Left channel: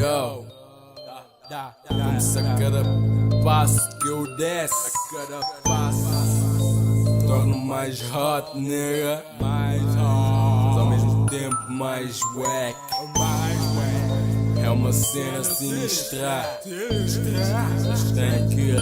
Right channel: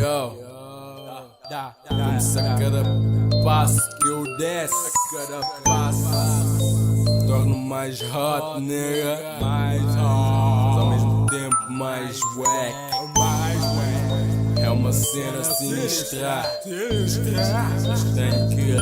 Yo, vamos a cada passo que eu desço, a cada passo torno mais hot, nigga, mais hot, mas ao mesmo tempo mais wack. É uma cena sinistra, mas tenho que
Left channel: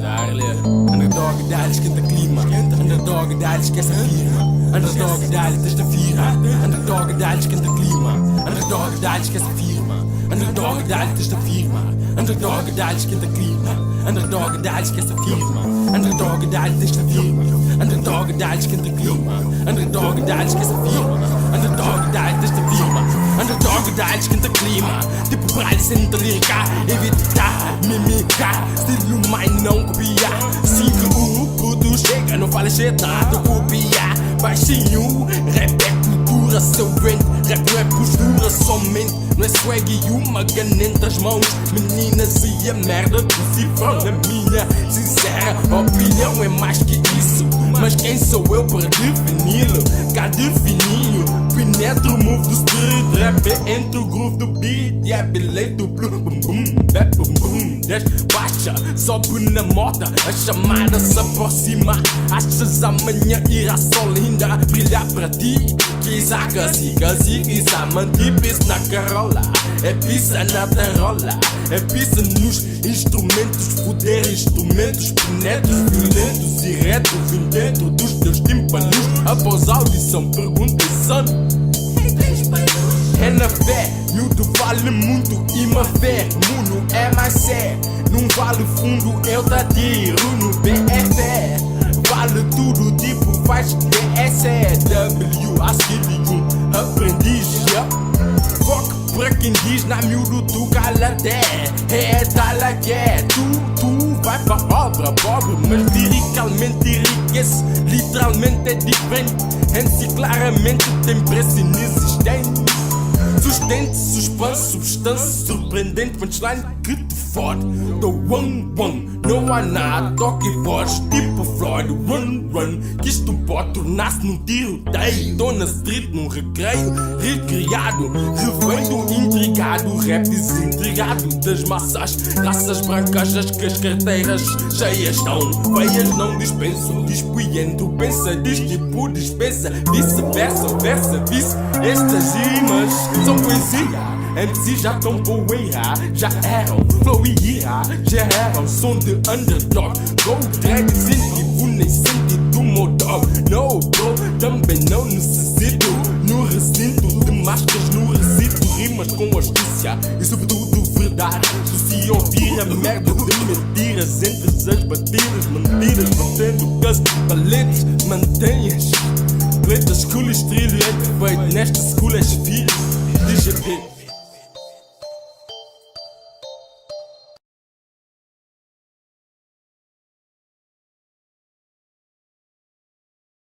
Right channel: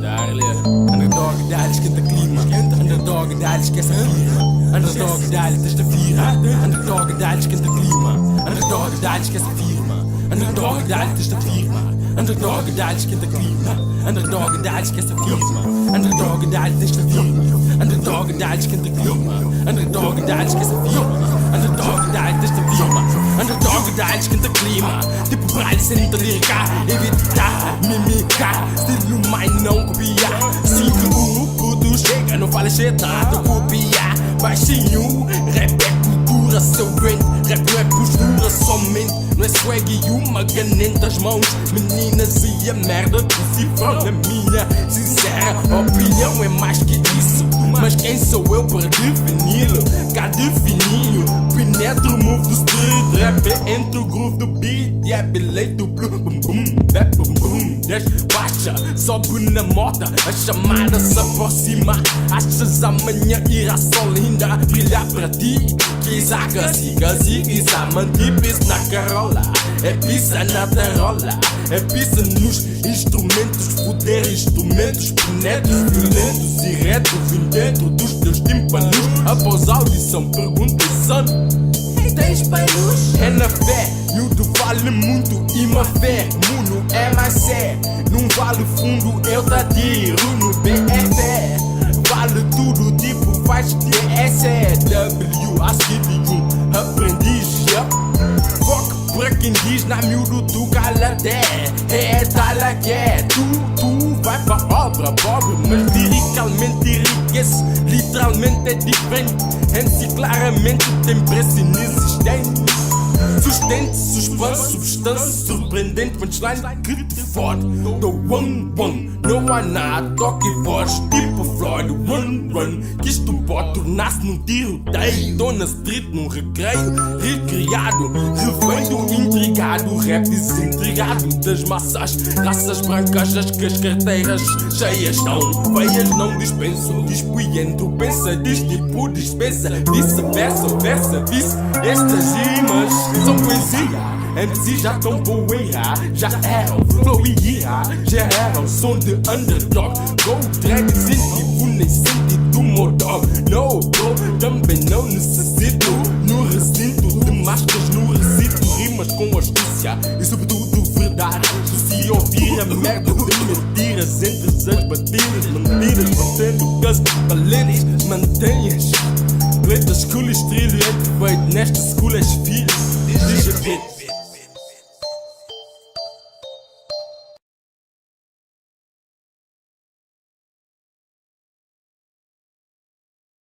dar-lhe. Underdog, dá-lhe, esquenta clima. Underdog, dá-lhe, esquece a firma. Underdog, dá-lhe, testa firma. Underdog, dá-lhe, esquenta clima. Underdog, dá-lhe, esquece a firma. Underdog, dá-lhe, testa firma. Underdog, dá-lhe, esquenta clima. Underdog, dá-lhe, esquece a firma. Underdog, dá-lhe, testa firma. Underdog, dá-lhe, esquenta clima. Underdog, dá-lhe, esquece a firma. Underdog, dá-lhe, testa firma. Underdog, dá-lhe, esquenta clima. Tipo braille, senta lírica. Evitar, mimicar. Estilo mine, não copiar. Assim que o puto chega, não fala chetado, copiar. Baixinho, rap é cultura, seu brain. Rap não é postura somente. Não é swag e uma gana entre as mãos. Meninas e a merda do cifrão. Na minha sincera opinião é mais que isso. Mas quem sou eu para defini-lo? Cá defininho, penetro o move do street. Rap é entre o groove do beat. E é bilhete do blue, bum bum, bap bum bum. Desbaixa, sobe na moda, a chamada se aproxima. Achas amanhã irá só linda brilhar para ti? Quizá siga, quizá mantipes na carola. É pizza na tarola, é pizza nos instrumentos. Foder instrumentos, penetros violentos e reto. Vim dentro dos teus tímpanos. Após a audição, perguntei, son, tens panos? É na fé, miúdo vale muito e má fé. Muno é mais sé, num vale fundo eu te atiro. No BFE vale tudo, tipo faz DSW. Asquilho, aprendiz, yeah. Fuck pra quem diz na miúdo tu cala até. É tal que é, tu vai pra obra pobre, mas liricalmente enriquece. Literalmente é diferente. MC claramente tem preço inexistente. Sustente, suspense, substância surpreendente. Punchline que te fode. Do one, não há nada. Toque e voz, tipo Floyd. Run, que isto pode tornar-se num tiroteio. Tô na street, num recreio, recriado, refeito, intrigado. Rap desintrigado das massas, raças brancas. As que as carteiras cheias estão, feias não dispensam. Dispoiento, pensa, diz tipo dispensa. Vice-versa, vice. Estas rimas são poesia. MC já tão poeira, já eram flow e ira, já eram som de underdog. Go drag, incentivo, nem sentido motor. No bro, também não necessito. No recinto de máscaras, no recito rimas com astúcia e sobretudo verdade. Se ouvir a merda de mentiras entre as batidas, mentiras batendo que as baletas mantenhas. Pretas, cool, estrilho, é defeito. Nesta school és filho de GPT.